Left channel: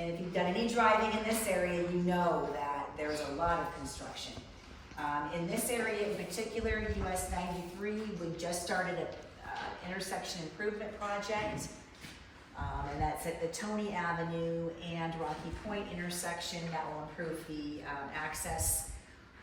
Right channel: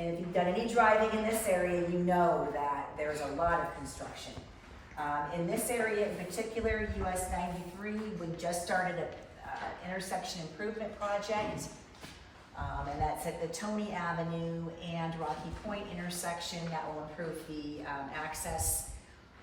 And if you've done any driving in this area, you know that there's a lot of construction. In this area in particular, US 93, we just started an intersection improvement project. And that's at the Tony Avenue and Rocky Point intersection. That will improve the access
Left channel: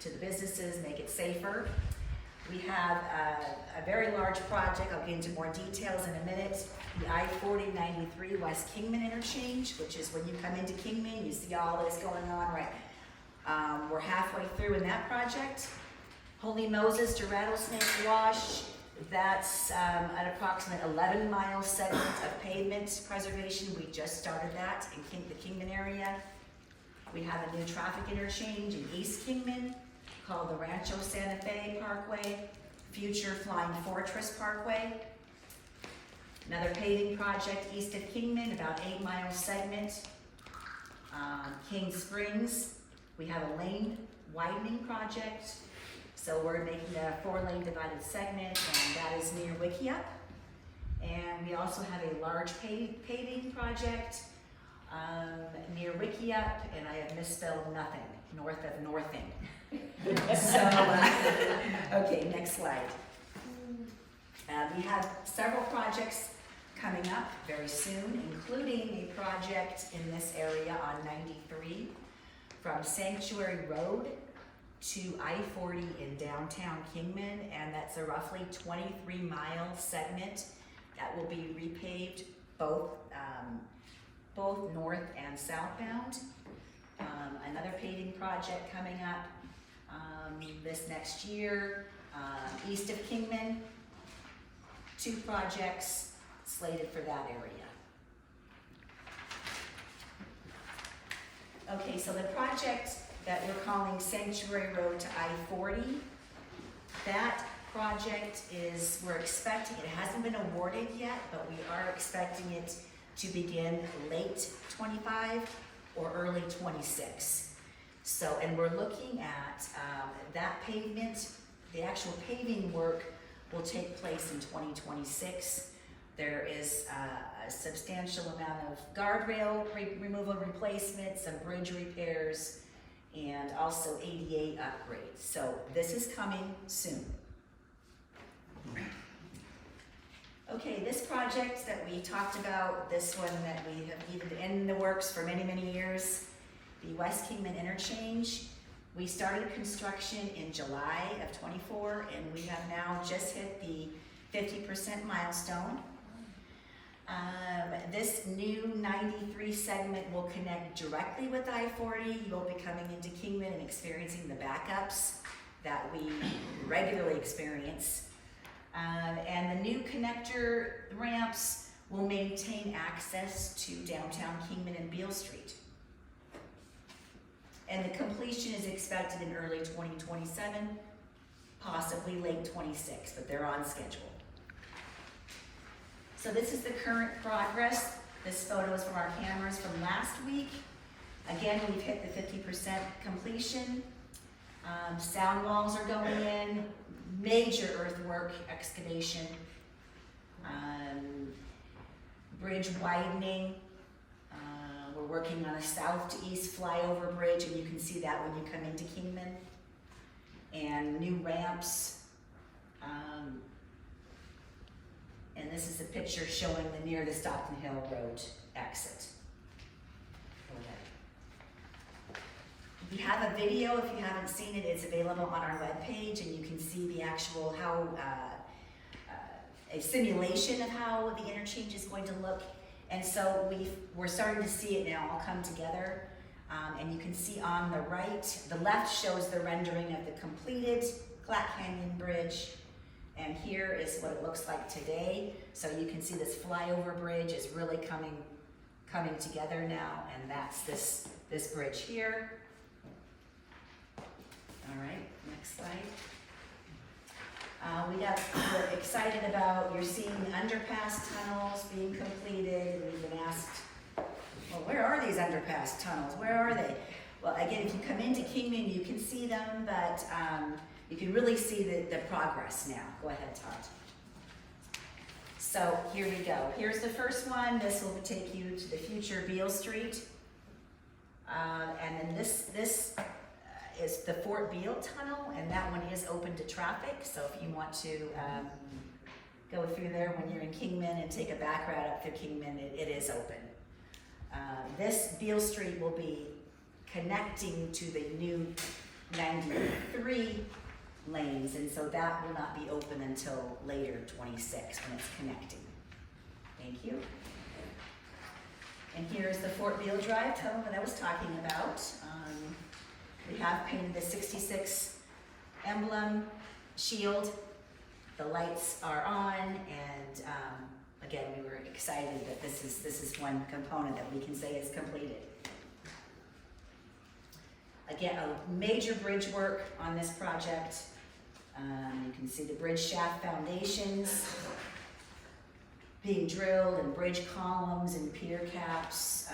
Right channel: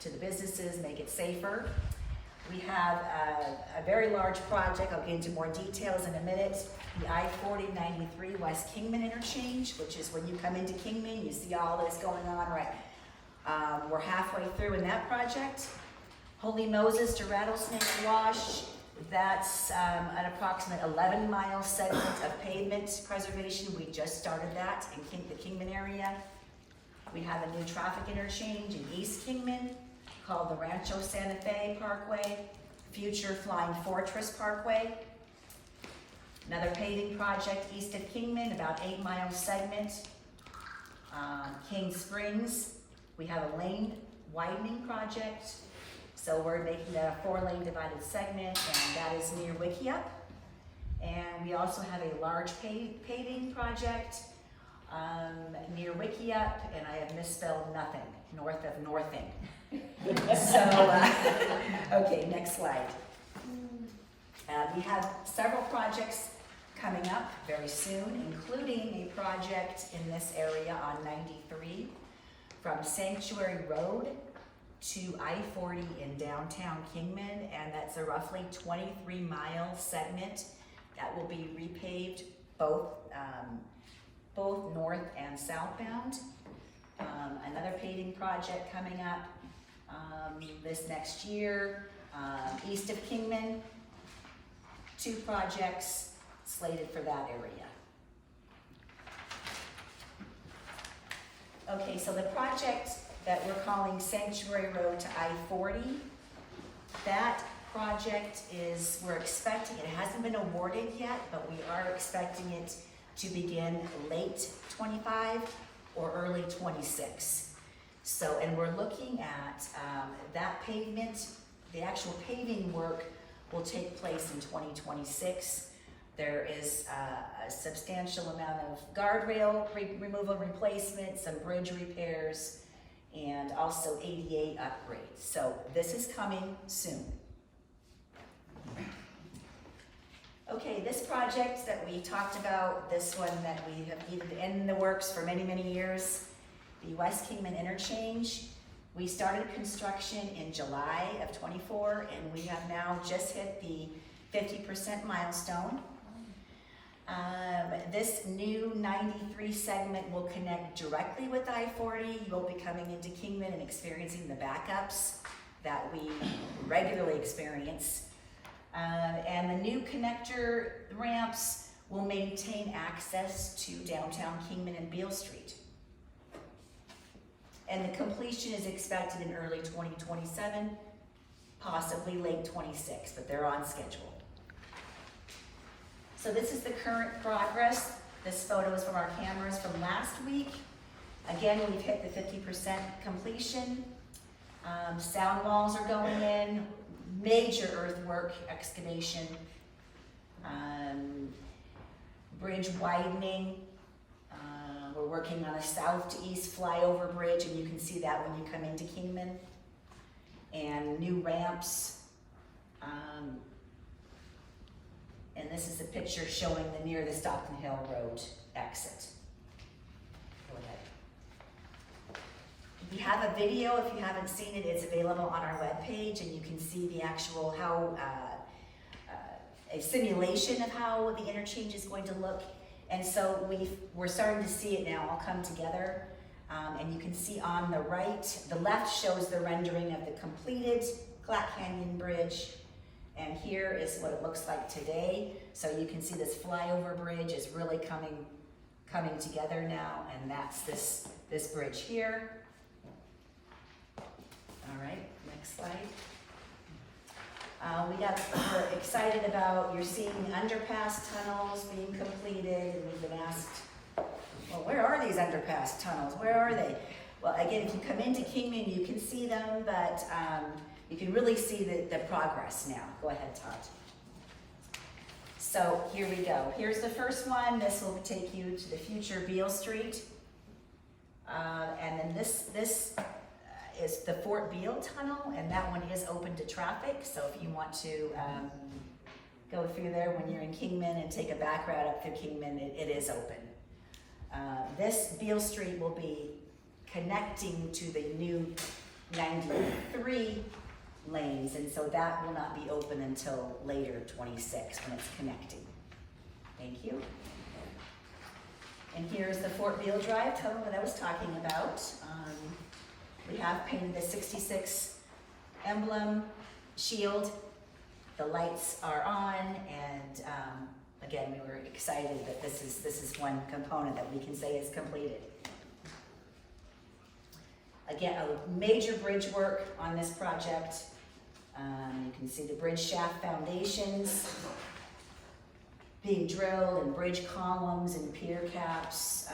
to the businesses, make it safer. We have a very large project. I'll get into more details in a minute. The I-40-93 West Kingman interchange, which is when you come into Kingman, you see all this going on, right? We're halfway through in that project. Holy Moses to Rattlesnake Wash, that's an approximate 11-mile segment of pavement preservation. We just started that in the Kingman area. We have a new traffic interchange in East Kingman called the Rancho Santa Fe Parkway, future Flying Fortress Parkway. Another paving project east of Kingman, about 8-mile segment. King Springs, we have a lane widening project. So we're making that a 4-lane divided segment, and that is near Wickiup. And we also have a large paving project near Wickiup, and I have misspelled nothing, north of Northing. So, okay, next slide. We have several projects coming up very soon, including a project in this area on 93 from Sanctuary Road to I-40 in downtown Kingman, and that's a roughly 23-mile segment that will be repaved both north and southbound. Another paving project coming up this next year, east of Kingman. 2 projects slated for that area. Okay, so the project that we're calling Sanctuary Road to I-40, that project is, we're expecting, it hasn't been awarded yet, but we are expecting it to begin late 25 or early 26. So, and we're looking at that pavement, the actual paving work will take place in 2026. There is a substantial amount of guardrail removal replacement, some bridge repairs, and also ADA upgrades. So this is coming soon. Okay, this project that we talked about, this one that we have needed in the works for many, many years, the West Kingman interchange. We started construction in July of 24, and we have now just hit the 50% milestone. This new 93 segment will connect directly with I-40. You'll be coming into Kingman and experiencing the backups that we regularly experience. And the new connector ramps will maintain access to downtown Kingman and Beale Street. And the completion is expected in early 2027, possibly late 26, but they're on schedule. So this is the current progress. This photo is from our cameras from last week. Again, we've hit the 50% completion. Sound walls are going in, major earthwork excavation, bridge widening. We're working on a south to east flyover bridge, and you can see that when you come into Kingman. And new ramps. And this is a picture showing the near the Stockton Hill Road exit. Go ahead. We have a video, if you haven't seen it, it's available on our webpage, and you can see the actual a simulation of how the interchange is going to look. And so we're starting to see it now all come together. And you can see on the right, the left shows the rendering of the completed Clack Canyon Bridge. And here is what it looks like today. So you can see this flyover bridge is really coming together now, and that's this bridge here. All right, next slide. We're excited about, you're seeing the underpass tunnels being completed, and we've been asked, well, where are these underpass tunnels? Where are they? Well, again, if you come into Kingman, you can see them, but you can really see the progress now. Go ahead, Todd. So here we go. Here's the first one. This will take you to the future Beale Street. And then this is the Fort Beale Tunnel, and that one is open to traffic. So if you want to go through there when you're in Kingman and take a back route up through Kingman, it is open. This Beale Street will be connecting to the new 93 lanes, and so that will not be open until later 26 when it's connecting. Thank you. And here's the Fort Beale Drive tunnel that I was talking about. We have painted the 66 emblem shield. The lights are on, and again, we were excited that this is one component that we can say is completed. Again, a major bridge work on this project. You can see the bridge shaft foundations being drilled, and bridge columns and pier caps.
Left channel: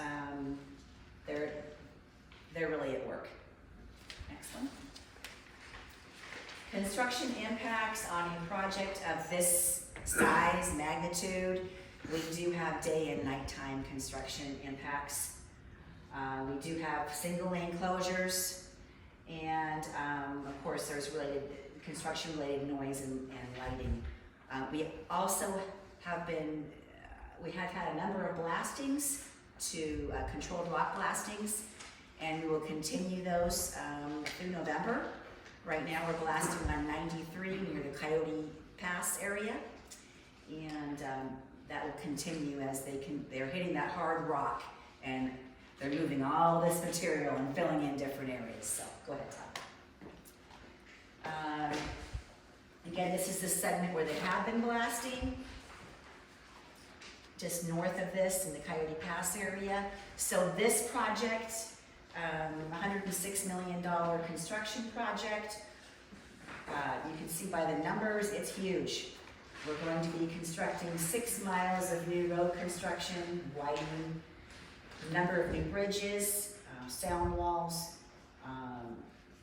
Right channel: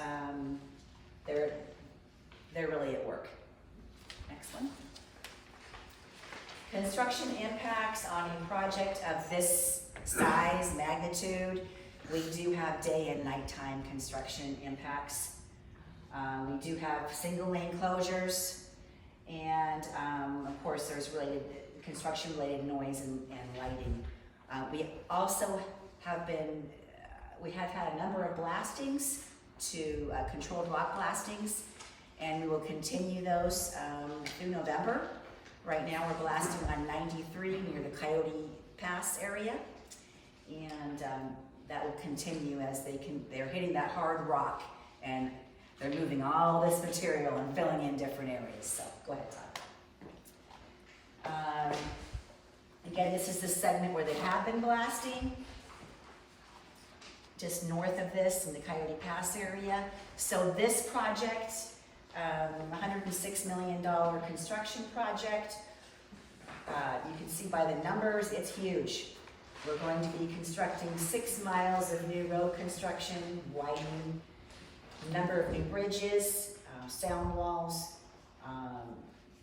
They're really at work. Next one. Construction impacts on a project of this size, magnitude. We do have day and nighttime construction impacts. We do have single lane closures, and of course there's construction related noise and lighting. We also have had a number of blastings to controlled rock blastings, and we will continue those through November. Right now we're blasting on 93 near the Coyote Pass area, and that will continue as they're hitting that hard rock, and they're moving all this material and filling in different areas. So go ahead, Todd. Again, this is the segment where they have been blasting, just north of this in the Coyote Pass area. So this project, $106 million construction project. You can see by the numbers, it's huge. We're going to be constructing 6 miles of new road construction, widening, a number of new bridges, sound walls,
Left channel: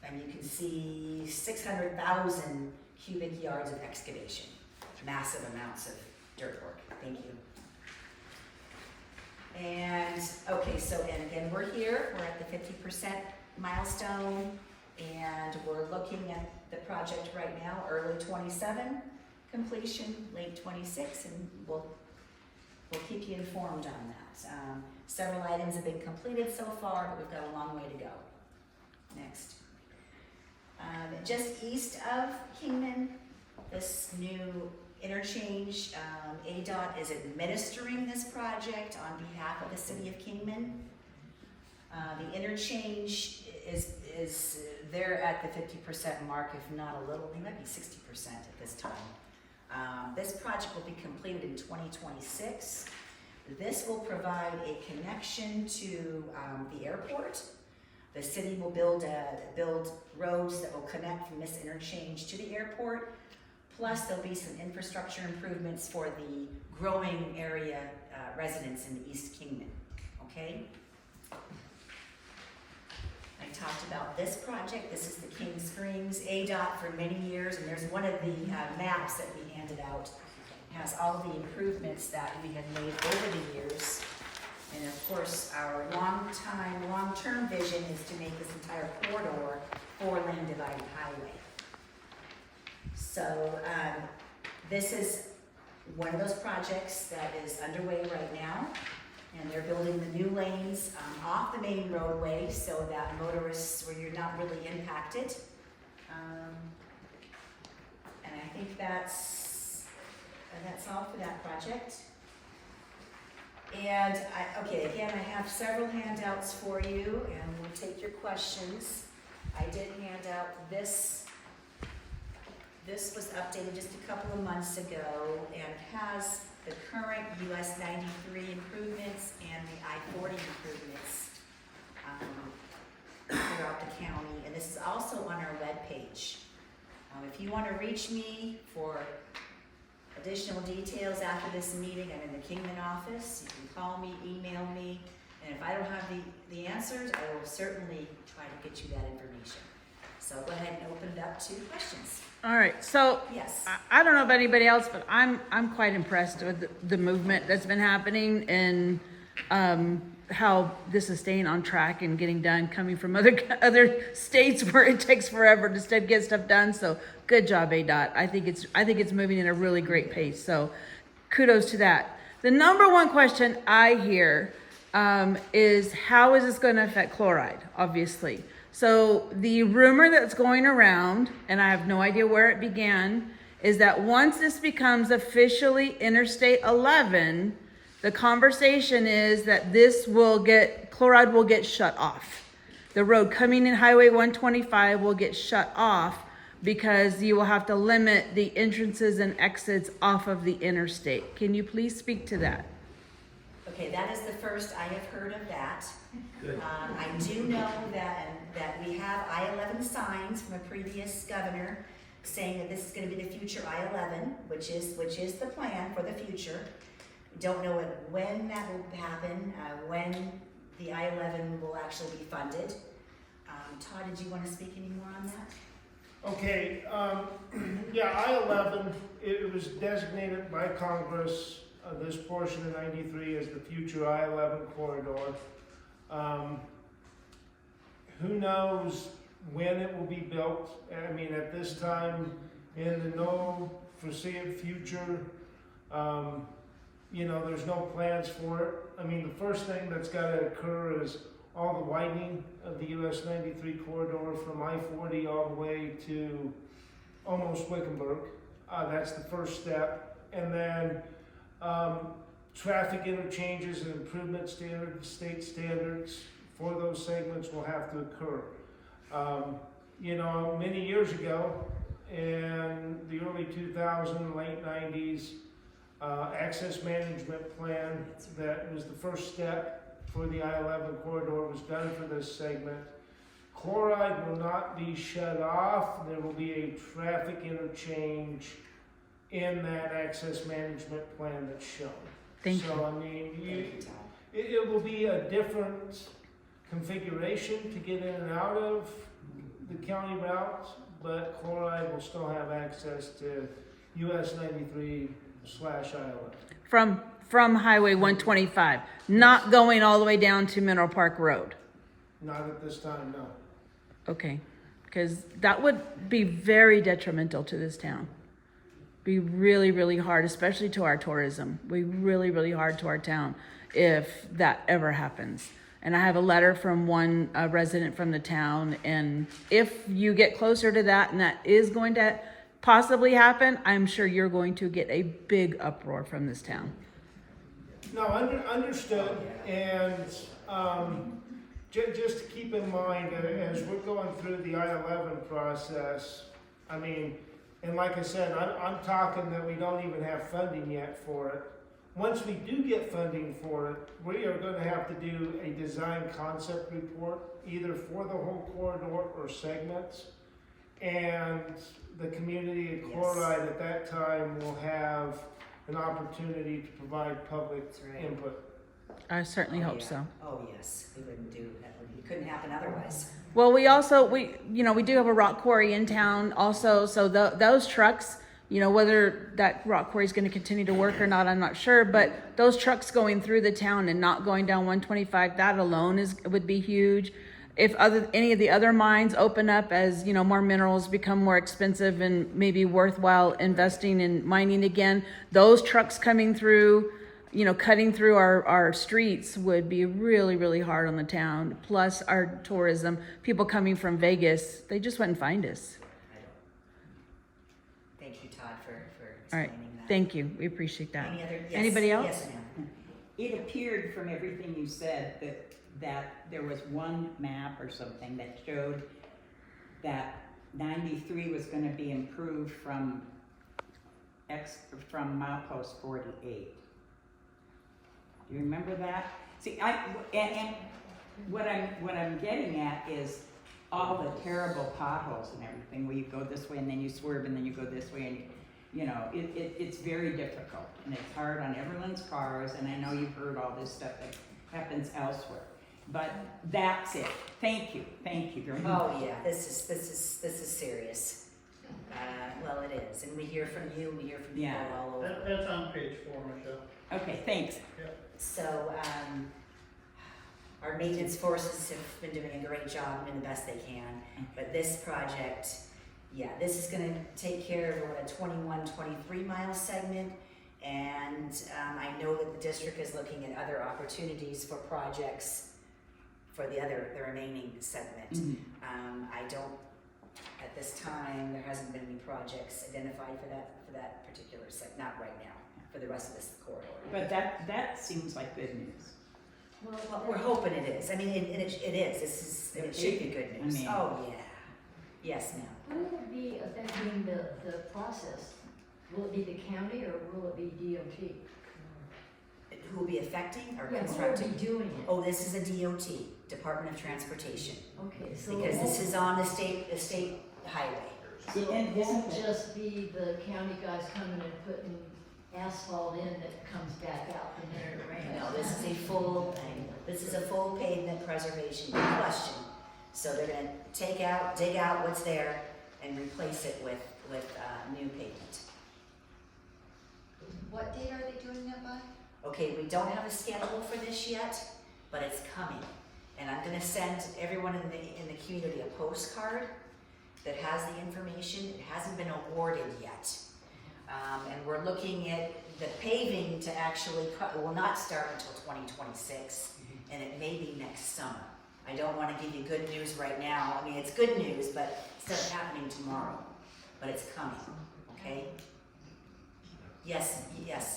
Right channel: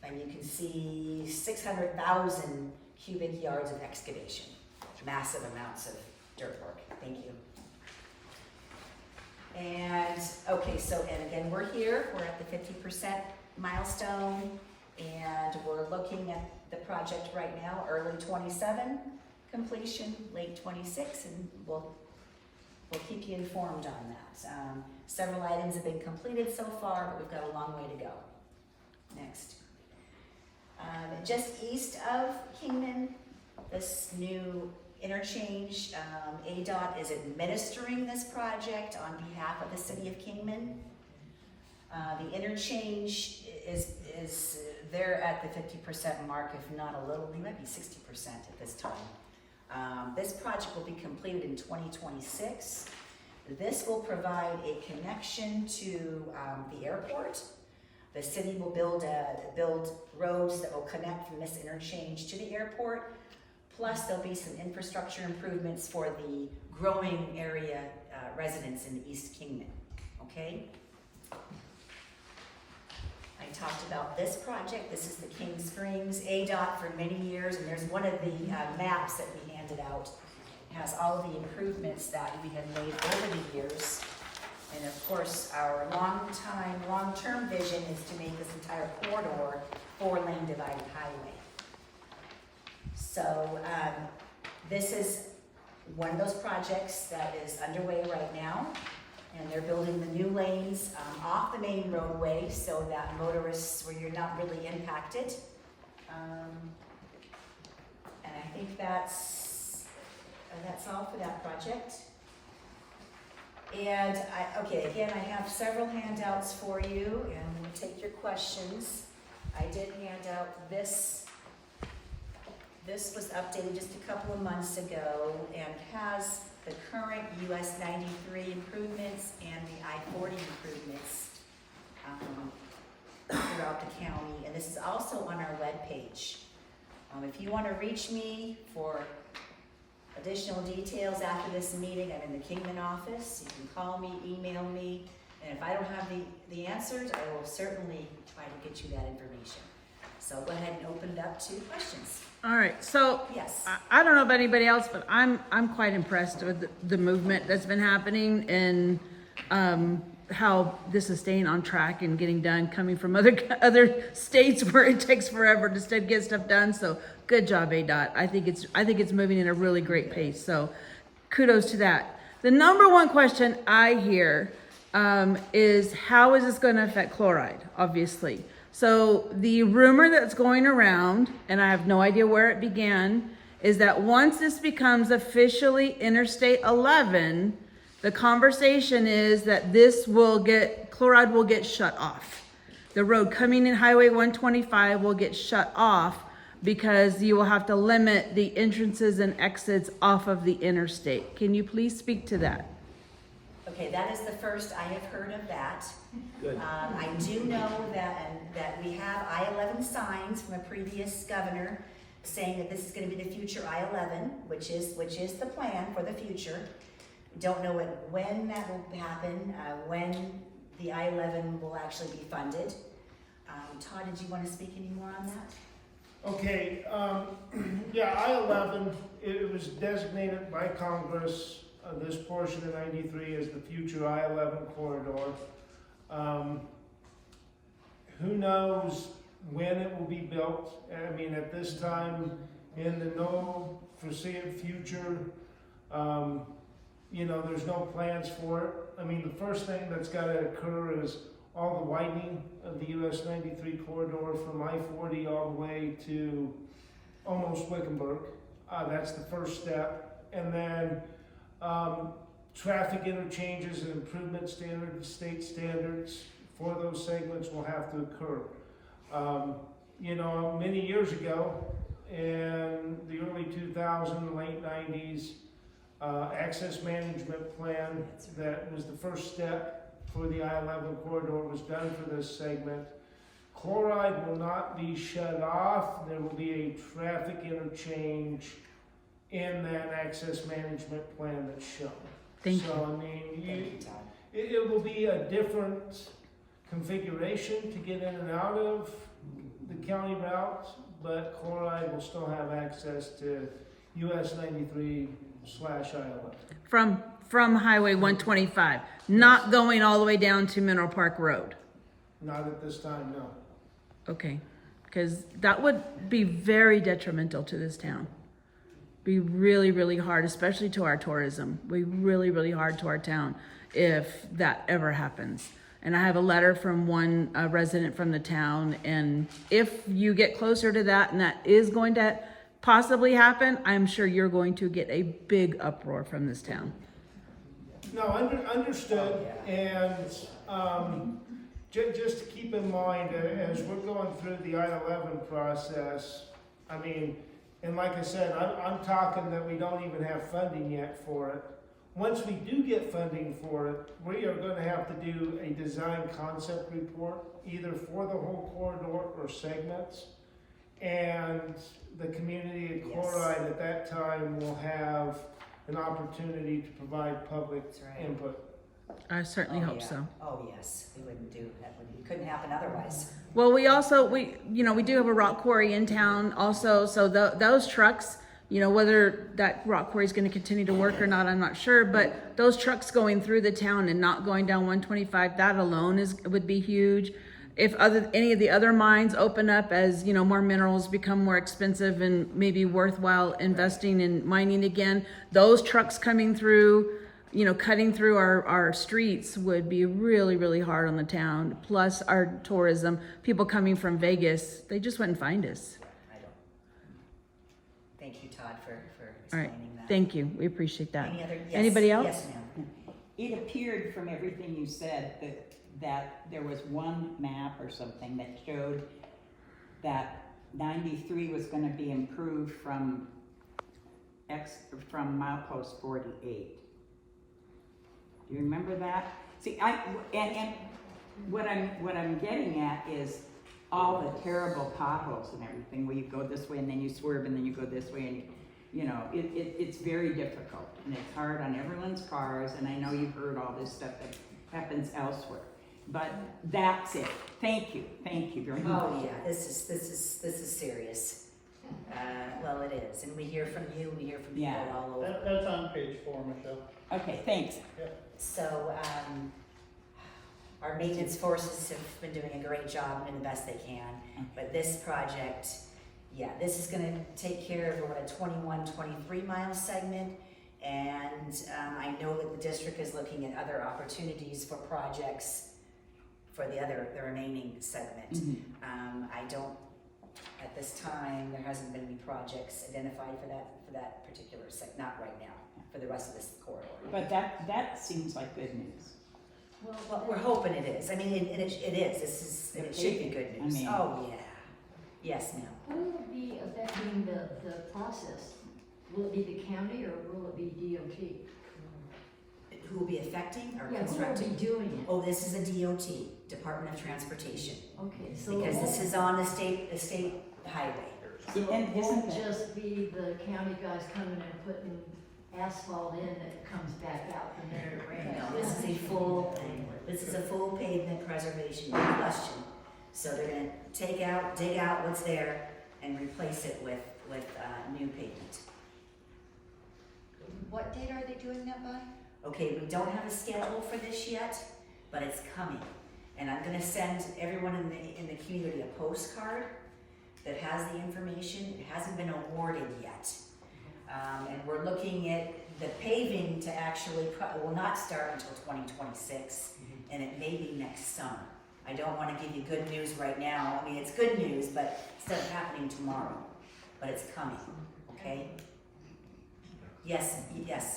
and you can see 600,000 cubic yards of excavation. Massive amounts of dirt work. Thank you. And okay, and again, we're at the 50% milestone, and we're looking at the project right now, early 27 completion, late 26, and we'll keep you informed on that. Several items have been completed so far, but we've got a long way to go. Next. Just east of Kingman, this new interchange, ADOT is administering this project on behalf of the city of Kingman. The interchange is there at the 50% mark, if not a little, they might be 60% at this time. This project will be completed in 2026. This will provide a connection to the airport. The city will build roads that will connect from this interchange to the airport. Plus, there'll be some infrastructure improvements for the growing area residents in the East Kingman, okay? I talked about this project. This is the King Springs ADOT for many years, and there's one of the maps that we handed out. It has all the improvements that we had made over the years. And of course, our long-term vision is to make this entire corridor 4-lane divided highway. So this is one of those projects that is underway right now, and they're building the new lanes off the main roadway so that motorists, where you're not really impacted. And I think that's all for that project. And again, I have several handouts for you, and we'll take your questions. I did hand out this. This was updated just a couple of months ago and has the current US 93 improvements and the I-40 improvements throughout the county. And this is also on our webpage. If you want to reach me for additional details after this meeting, I'm in the Kingman office. You can call me, email me, and if I don't have the answers, I will certainly try to get you that information. So go ahead and open it up to questions. All right, so yes. I don't know about anybody else, but I'm quite impressed with the movement that's been happening in how this is staying on track and getting done, coming from other states where it takes forever to get stuff done. So good job, ADOT. I think it's moving in a really great pace. So kudos to that. The number one question I hear is how is this going to affect chloride? Obviously. So the rumor that's going around, and I have no idea where it began, is that once this becomes officially Interstate 11, the conversation is that chloride will get shut off. The road coming in Highway 125 will get shut off because you will have to limit the entrances and exits off of the interstate. Can you please speak to that? Okay, that is the first I have heard of that. I do know that we have I-11 signs from a previous governor saying that this is going to be the future I-11, which is the plan for the future. Don't know when that will happen, when the I-11 will actually be funded. Todd, did you want to speak any more on that? Okay, yeah, I-11, it was designated by Congress, this portion of 93 as the future I-11 corridor. Who knows when it will be built? I mean, at this time, in the no foreseeable future, there's no plans for it. I mean, the first thing that's got to occur is all the widening of the US 93 corridor from I-40 all the way to almost Wickenburg. That's the first step. And then traffic interchanges and improvement standards, state standards for those segments will have to occur. Many years ago, in the early 2000s, late 90s, access management plan that was the first step for the I-11 corridor was done for this segment. Chloride will not be shut off. There will be a traffic interchange in that access management plan that's shown. Thank you. So, I mean, it will be a different configuration to get in and out of the county routes, but Chloride will still have access to US 93/I-11. From Highway 125, not going all the way down to Mineral Park Road. Not at this time, no. Okay, because that would be very detrimental to this town. Be really, really hard, especially to our tourism. Be really, really hard to our town if that ever happens. And I have a letter from one resident from the town, and if you get closer to that and that is going to possibly happen, I'm sure you're going to get a big uproar from this town. No, understood, and just to keep in mind, as we're going through the I-11 process, I mean, and like I said, I'm talking that we don't even have funding yet for it. Once we do get funding for it, we are going to have to do a design concept report, either for the whole corridor or segments, and the community of Chloride at that time will have an opportunity to provide public input. I certainly hope so. Oh, yes, we wouldn't do that. It couldn't happen otherwise. Well, we do have a rock quarry in town also, so those trucks, whether that rock quarry is going to continue to work or not, I'm not sure, but those trucks going through the town and not going down 125, that alone would be huge. If any of the other mines open up as, more minerals become more expensive and maybe worthwhile investing in mining again, those trucks coming through, cutting through our streets would be really, really hard on the town. Plus our tourism, people coming from Vegas, they just wouldn't find us. I don't. Thank you, Todd, for All right, explaining that. thank you. We appreciate that. Anybody else? Yes, ma'am. It appeared from everything you said that there was one map or something that showed that 93 was going to be improved from milepost 48. Do you remember that? See, and what I'm getting at is all the terrible potholes and everything where you go this way and then you swerve and then you go this way and it's very difficult and it's hard on everyone's cars, and I know you've heard all this stuff that happens elsewhere. But that's it. Thank you very much. Oh yeah, this is serious. Well, it is, and we hear from you. We hear from people all over. That's on page 4, Michelle. Okay, thanks. So, Our maintenance forces have been doing a great job and doing the best they can, but this project, yeah, this is gonna take care of what, a 23 mile segment, and I know that the district is looking at other opportunities for projects for the remaining segment. I don't, at this time, there hasn't been any projects identified for that particular not right now, for the rest of this corridor. But that seems like good news. Well, we're hoping it is. I mean, it is. It should be good news. I mean- Oh, yeah. Yes, ma'am. Who will be affecting the process? Will it be the county or will it be DOT? Who will be affecting or Yeah, who will constructing? be doing it? Oh, this is a DOT, Department of Transportation, Okay, so because this is on the state highway. so And it isn't won't it- just be the county guys coming and putting asphalt in that comes back out the minute it rains? No, this is a full pavement preservation, no question. So they're gonna dig out what's there and replace it with new pavement. What date are they doing that by? Okay, we don't have a schedule for this yet, but it's coming. And I'm gonna send everyone in the community a postcard that has the information. It hasn't been awarded yet. And we're looking at the paving to actually, will not start until 2026, and it may be next summer. I don't wanna give you good news right now. I mean, it's good news, but it's not happening tomorrow, but it's coming, okay? Yes.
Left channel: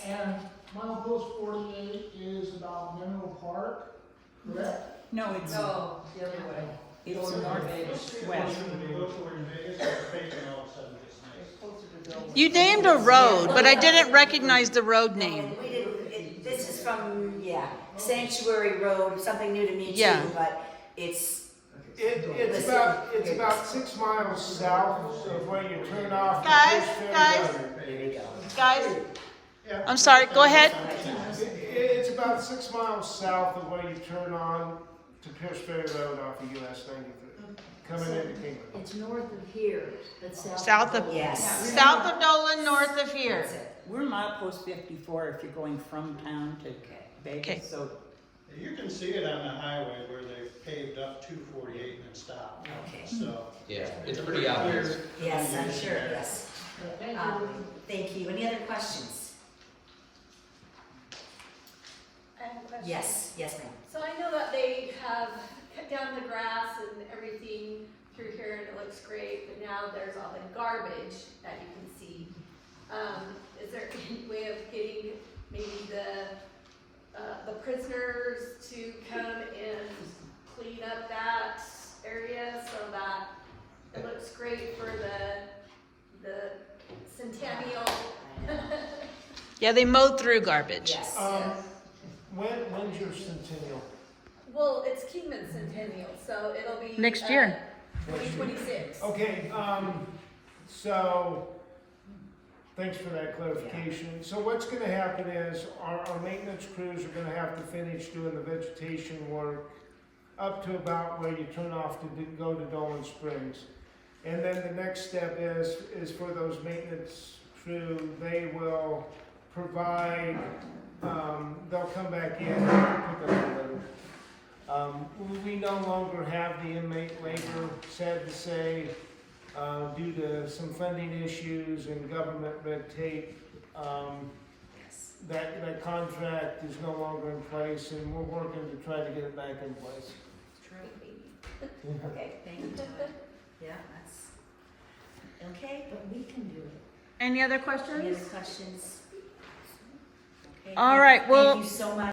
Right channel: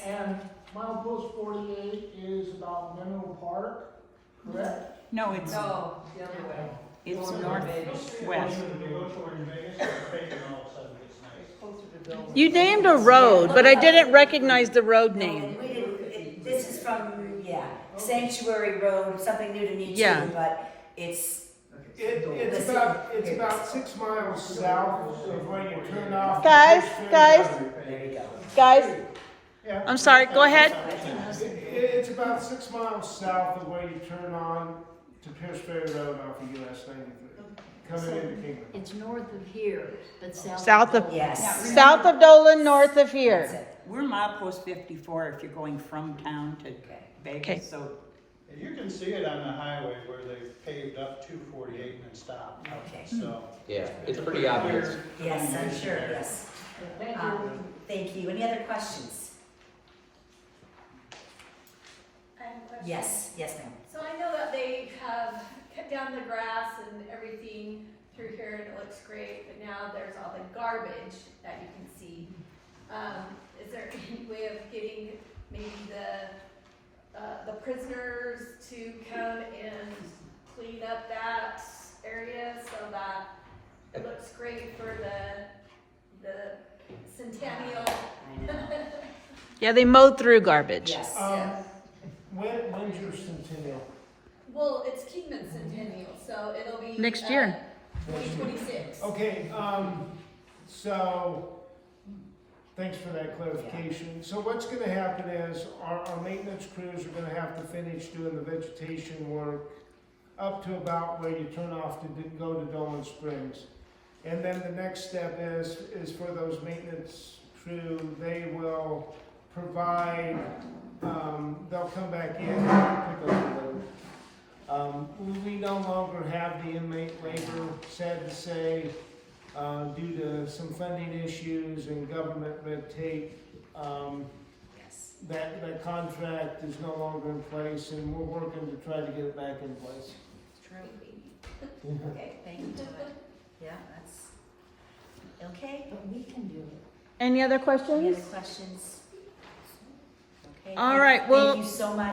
And milepost 48 is about Mineral Park, correct? No, it's, Oh, the other way. it's Going northwest. When you go toward Vegas, the pavement all of a sudden gets nice. Closer to Bill. You named a road, but I didn't recognize the road No, name. and we didn't, this is from, Sanctuary Road, something new to me Yeah. too, but it's, It's about 6 miles south of where you turn off. Guys, there you go. Guys, I'm sorry, go ahead. It's about 6 miles south of where you turn on to Pierce Ferry Road off of US 93, coming into Kingman. It's north of here, but south. South of, Yes. south of Dolan, north of That's here. it. We're milepost 54 if you're going from town to Okay. Vegas, so You can see it on the highway where they've paved up 248 and then stopped. Okay. So. Yeah, it's pretty obvious. Yes, I'm sure, yes. Thank you. Any other questions? I have a question. Yes, ma'am. So I know that they have cut down the grass and everything through here and it looks great, but now there's all the garbage that you can see. Is there any way of getting maybe the prisoners to come and clean up that area so that it looks great for the centennial? Yeah, they mowed through garbage. Yes. When's your centennial? Well, it's Kingman Centennial, so it'll be Next year. 2026. Okay, so, thanks for that clarification. So what's gonna happen is, our maintenance crews are gonna have to finish doing the vegetation work up to about where you turn off to go to Dolan Springs. And then the next step is for those maintenance crew, they will provide, they'll come back in and pick up the load. We no longer have the inmate labor, sad to say, due to some funding issues and government red tape. Yes. That contract is no longer in place, and we're working to try to get it back in place. True. Okay, thank you, Todd. Yeah, that's, okay. But we can do it. Any other Any other questions? questions? Okay. All right, well- Thank you so much.